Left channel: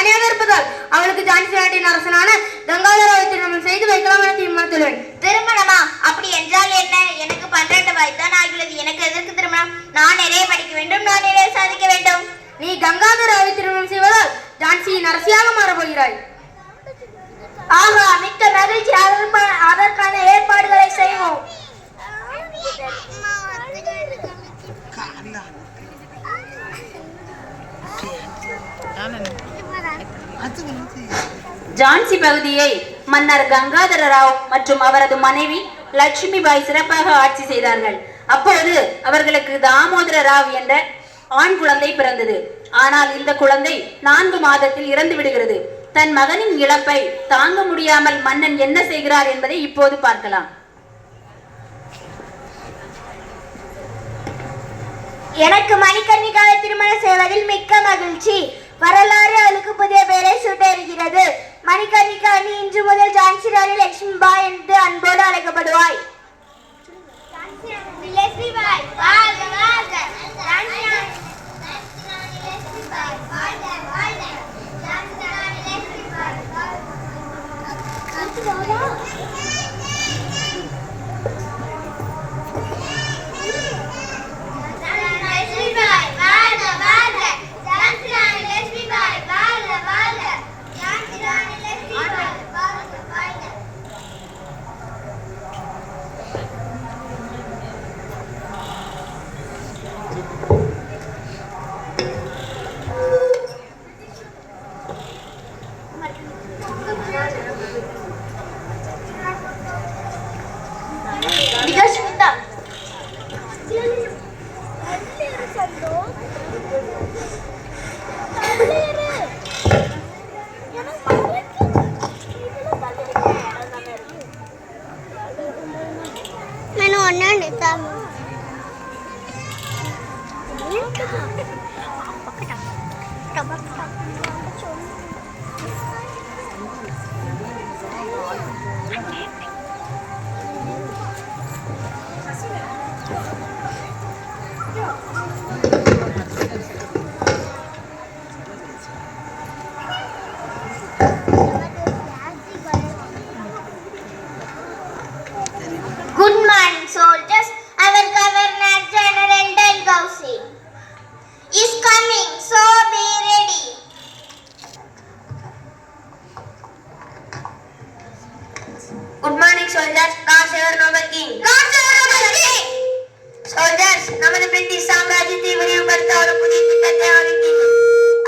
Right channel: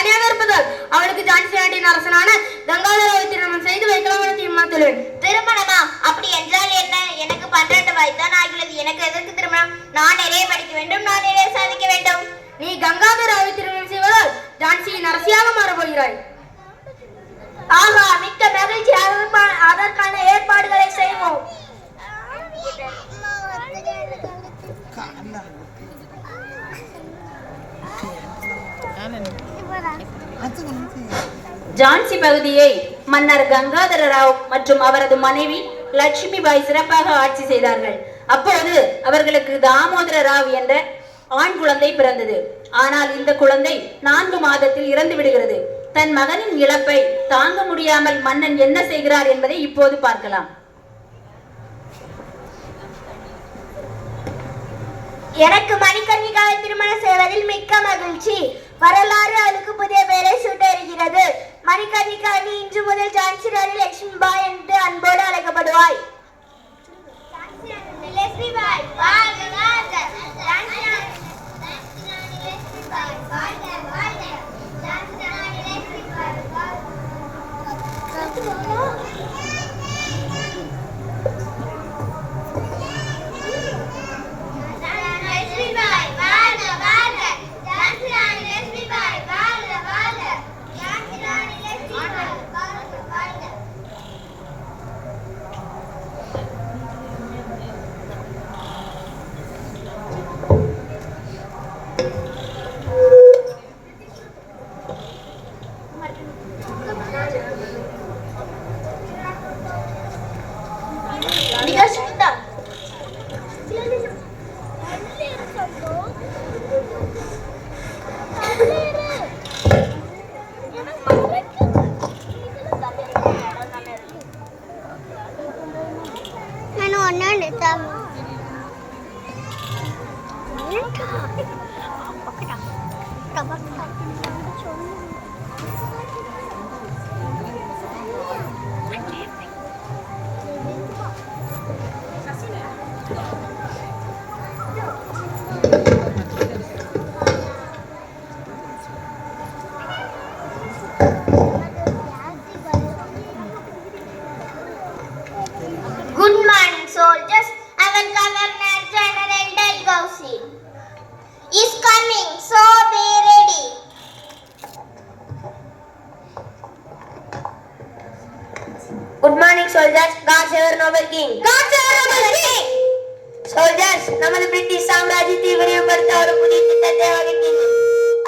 தனியாக இருப்பதால் அவளுக்கு ஜான்சி நாட்டின் அரசனான கங்காதரவை திருமணம் செய்து வைக்கலாம் என தீர்மானித்துள்ளேன். திருமணமா? அப்படி என்றால் என்ன? எனக்கு 12 வயதுதான் ஆகிறது. எனக்கு எதற்கு திருமணம்? நான் நிறைய படிக்க வேண்டும், நான் நிறைய சாதிக்க வேண்டும். நீ கங்காதரவை திருமணம் செய்வதால் ஜான்சியின் அரசியாக மாறப்போகிறாய். ஆஹா, மிக்க மகிழ்ச்சி. அதற்கான ஏற்பாடுகளை செய்வோம். ஜான்சி பகுதியை மன்னர் கங்காதர ராவ் மற்றும் அவரது மனைவி லட்சுமி பாய் சிறப்பாக ஆட்சி செய்தார்கள். அப்போது அவர்களுக்கு தாமோதர ராவ் என்ற ஆண் குழந்தை பிறந்தது. ஆனால் இந்த குழந்தை 4 மாதத்தில் இறந்து விடுகிறது. தன் மகனின் இழப்பை தாங்க முடியாமல் மன்னன் என்ன செய்கிறார் என்பதை இப்போது பார்க்கலாம். எனக்கு மணிகர்ணிகாவை திருமணம் செய்வதில் மிக்க மகிழ்ச்சி. வரலாறு அவளுக்கு புதிய பெயரை சூட்ட இருக்கிறது. மணிகர்ணிகா நீ இன்று முதல் ஜான்சி ராணி லட்சுமி பாய் என்று அன்போடு அழைக்கப்படுவாய். Good morning, soldiers. Our Governor General Dalhousie is coming, so be ready. Good morning, soldiers. God save our noble king. God save our noble king. Soldiers, நமது பிரிட்டிஷ் சாம்ராஜ்யத்தை விரிவுபடுத்த ஒரு புதிய திட்டத்தை வகுக்கின்றோம்.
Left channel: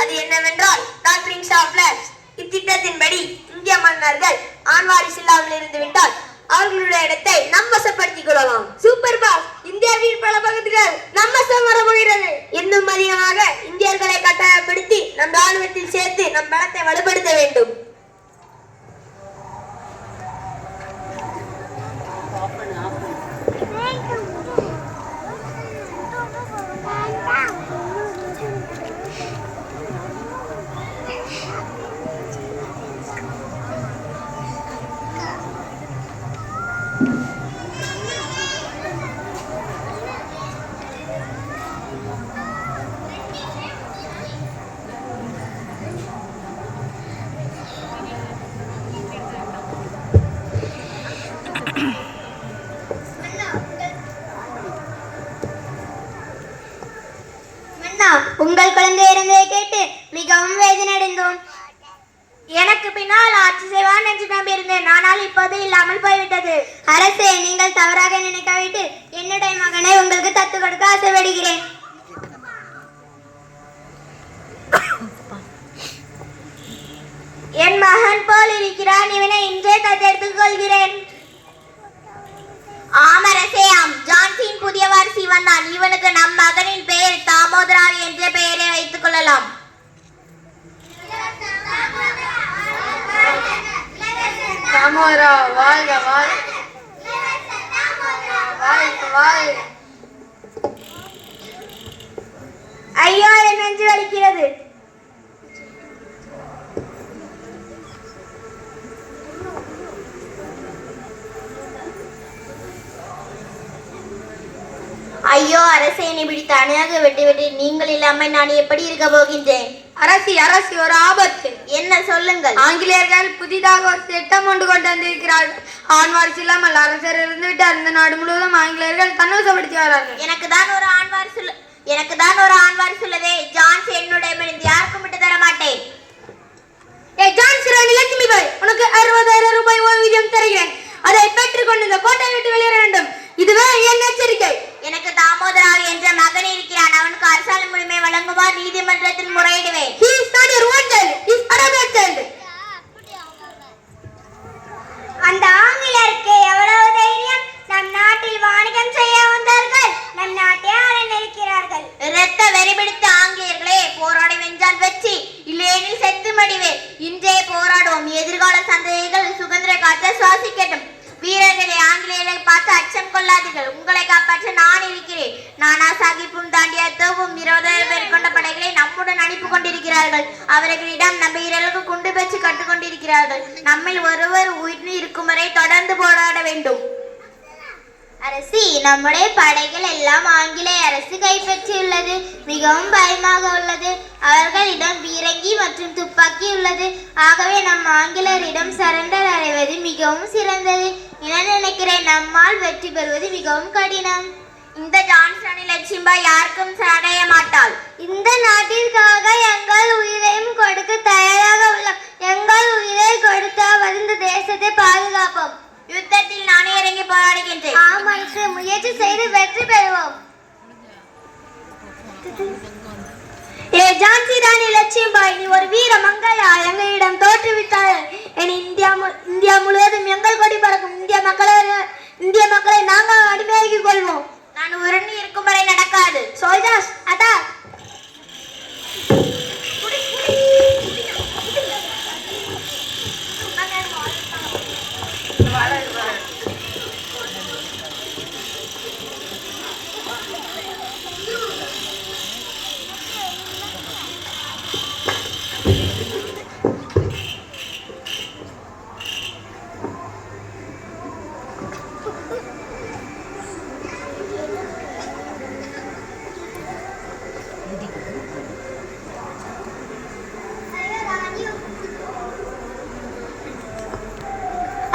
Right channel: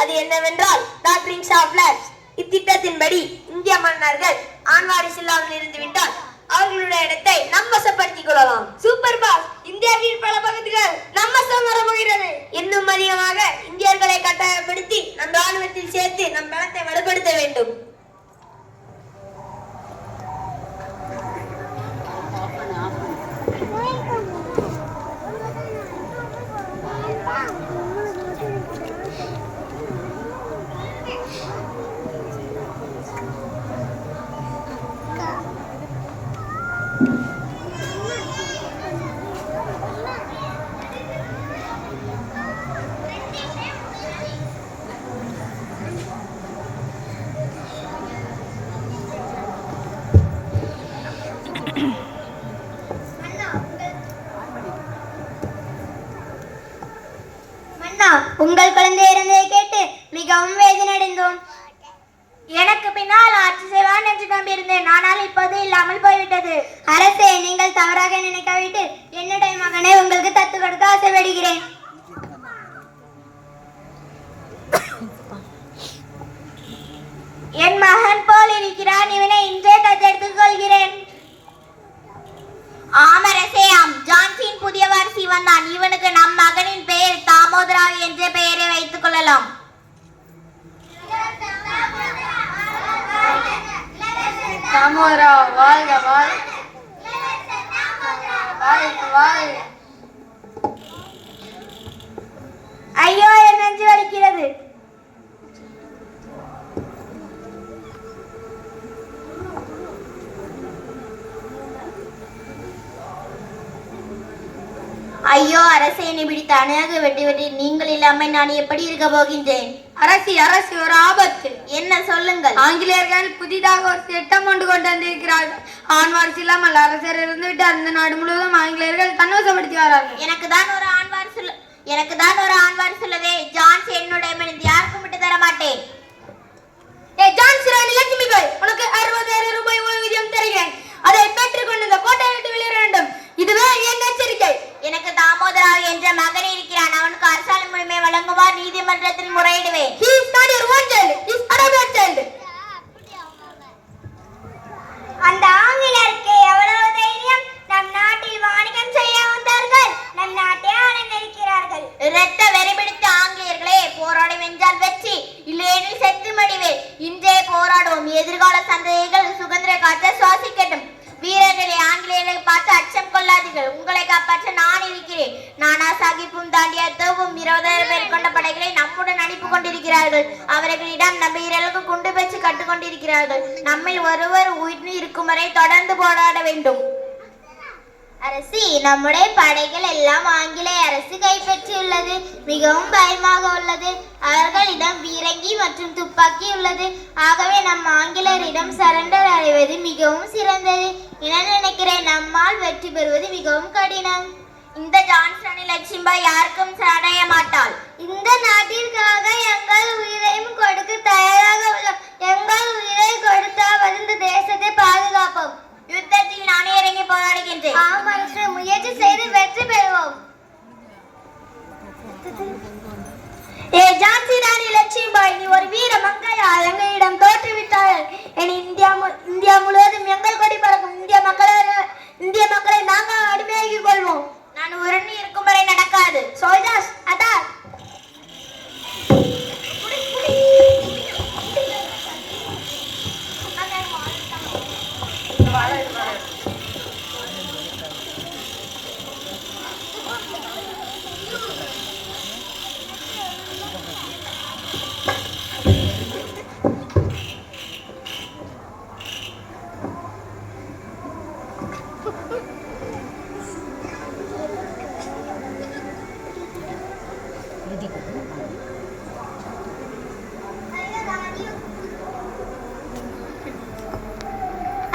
அது என்னவென்றால் நார்த் ரிங்ஸ் ஆஃப் ஃபிளாக்ஸ். இத்திட்டத்தின்படி இந்திய மன்னர்கள் ஆண் வாரிசு இல்லாமல் இருந்து விட்டால் அவர்களுடைய இடத்தை நம் வசப்படுத்திக் கொள்ளலாம். Super pass. இந்தியாவின் பல பகுதிகள் நம்ம வசம் வரப்போகிறது. இன்னும் அதிகமாக இந்தியர்களை கட்டாயப்படுத்தி நம் ராணுவத்தில் சேர்த்து நம் பலத்தை வலுப்படுத்த வேண்டும். உங்கள் குழந்தை இறந்ததை கேட்டு மிகவும் வேதனை அடைந்தோம். எனக்கு பின்னால் ஆட்சி செய்வான் என்று நம்பியிருந்தேன். ஆனால் இப்போது இல்லாமல் போய்விட்டது. அரசே, நீங்கள் தவறாக நினைக்காவிட்டு என்னுடைய மகனை உங்களுக்கு தத்து கொடுக்க ஆசைப்படுகிறேன். என் மகன் போல் இருக்கிறான். இவனை இன்றே தத்தெடுத்துக் கொள்கிறேன். ஆமரசேயாம், ஜான்சியின் புதிய வாரிசு வந்தான். இவனுக்கு நம் மகனின் பெயர் தாமோதரா என்ற பெயரை வைத்துக் கொள்ளலாம். தாமோதரா வாழ்க வாழ்க. ஐயோ, என் நெஞ்சு வலிக்கிறது. ஐயோ அரசே, என்னை இப்படி தனியாக விட்டு நீங்கள் இல்லாமல் நான் எப்படி இருக்க போகின்றேன்? அரசி அரசி, ஒரு ஆபத்து. என்ன சொல்லுங்கள். ஆங்கிலேயர்கள் புதிதாக ஒரு திட்டம் கொண்டு வந்திருக்கிறார்கள். ஆண் வாரிசு இல்லாமல் அரசர் இருந்து விட்டார். இந்த நாடு முழுவதும் ஆங்கிலேயர்கள் தன்வசப்படுத்துகிறார்கள். எனக்கு தான் ஒரு ஆண் வாரிசு உள்ளதே. ஜான்ஸ் என்னுடைய யாருக்கும் விட்டு தர மாட்டேன். ஜான்சி ராணி லட்சுமி பாய், உனக்கு 60,000 ரூபாய் ஓய்வூதியம் தருகிறேன். அதை பெற்றுக்கொண்டு இந்த கோட்டையை விட்டு வெளியேற வேண்டும். இதுவே என் எச்சரிக்கை. எனக்கு தாமோதரா என்ற மகன் இருக்கிறான். அவனுக்கு அரசாணை முழுமை வழங்குமாறு நீதிமன்றத்தில் முறையிடுவேன். He is not your own child. He is another child. அந்த ஆங்கிலேயருக்கு எவ்வளவு தைரியம்! நம் நாட்டில் வாணிகம் செய்ய வந்தார்கள். நம் நாட்டை ஆளநிற்கிறார்கள். இரத்த வெறிபிடித்த ஆங்கிலேயர்களே, போராடி வென்றால் வெற்றி, இல்லையெனில் செத்து மடிவே. இன்றே போராடுவோம். எதிர்கால சந்ததிகள் சுதந்திர காற்றை சுவாசிக்கட்டும். வீரர்களே, ஆங்கிலேயரை பார்த்து அச்சம் கொள்ளாதீர்கள். உங்களை காப்பாற்ற நான் இருக்கிறேன். நானா சாஹிப்பும் தாண்டிய தோவும் 20,000 பேர் கொண்ட படைகளை நம்முடன் அனுப்பி கொண்டிருக்கிறார்கள். அவர்களிடம் நம்ம வீரர்களுக்கு குண்டு வச்சு கட்டுக்கொண்டிருக்கிறார்கள். நம்மில் ஒருவர் உயிர் இருக்கும் வரை தொடர்ந்து போராட வேண்டும். அரசி, நம்முடைய படைகள் எல்லாம் ஆங்கிலேய அரசு கைப்பற்றியுள்ளது. மிகவும் பயமாக உள்ளது. அவர்களிடம் பீரங்கி மற்றும் துப்பாக்கி உள்ளது. ஆகவே நம் ஆங்கிலேயரிடம் சரண்டர் அடைவது மிகவும் சிறந்தது என நினைக்கிறேன். நம்மால் வெற்றி பெறுவது மிகவும் கடினம். இந்த ஜான்ஸ் ராணி லட்சுமிபாய் யாருக்கும் சரணடைய மாட்டாள். இந்த நாட்டிற்காக எங்கள் உயிரையும் கொடுக்க தயாராக உள்ளோம். எங்கள் உயிரை கொடுத்தாவது இந்த தேசத்தை பாதுகாப்போம். யுத்தத்தில் நானே இறங்கி போராடுகின்றேன். முயற்சி செய்து வெற்றி பெறுவோம். ஜான்சி ராணி லட்சுமிபாய், நீ ஒரு வீர மங்கையா? எங்களிடம் தோற்றுவிட்டார்கள். இந்தியா முழுவதும் எங்கள் கொடி பறக்கும். இந்திய மக்களை நாங்கள் அடிமையாக்கிக் கொள்வோம். நான் உருண்டு இருக்கும் வரை நடக்காது. Soldiers attack!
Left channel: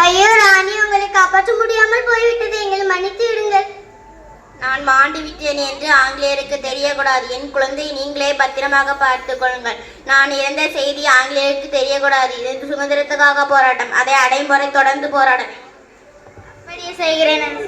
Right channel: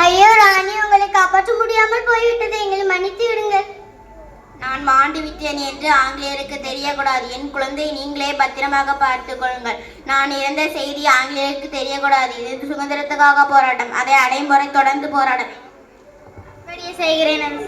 ஐயோ ராணி, உங்களை காப்பாற்ற முடியாமல் போய்விட்டது. எங்களை மன்னித்து விடுங்கள். நான் மாண்டு விட்டேன் என்று ஆங்கிலேயருக்கு தெரியக்கூடாது. என் குழந்தையை நீங்களே பத்திரமாக பார்த்துக் கொள்ளுங்கள். நான் இறந்த செய்தி ஆங்கிலேயருக்கு தெரியக்கூடாது. இது சுதந்திரத்துக்காக போராட்டம். அதை அடையும் வரை தொடர்ந்து போராட அப்படியே செய்கிறேன்.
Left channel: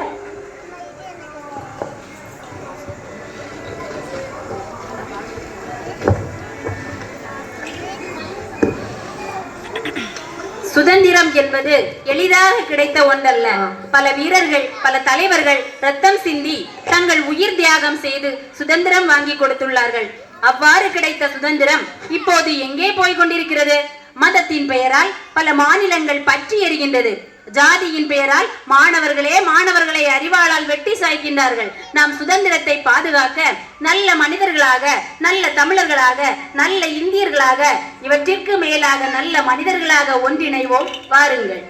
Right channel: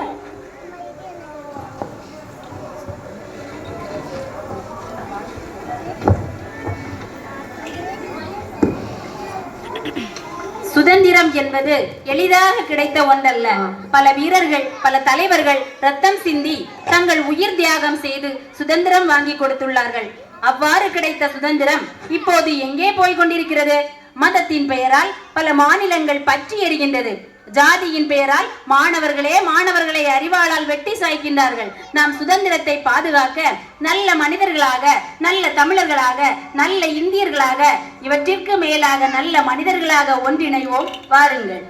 சுதந்திரம் என்பது எளிதாக கிடைத்த ஒன்றல்ல. பல வீரர்கள், பல தலைவர்கள் ரத்தம் சிந்தி தங்கள் உயிர் தியாகம் செய்து சுதந்திரம் வாங்கி கொடுத்துள்ளார்கள். அவ்வாறு கிடைத்த சுதந்திரம் இப்போது எங்கே போய் கொண்டிருக்கிறது? மதத்தின் பெயரால் பல மாநிலங்கள் பற்றி எரிகின்றது. ஜாதியின் பெயரால் மாணவர்களை அறிவாளால் வெட்டி சாய்க்கின்றார்கள். நாம் சுதந்திரத்தை பாதுகாக்க நல்ல மனிதர்களாக, நல்ல தமிழர்களாக, நல்ல இந்தியர்களாக, இவற்றிற்கு மேலாக நல்ல மனிதர்களாக ஒன்றிணைவோம். வாருங்கள்.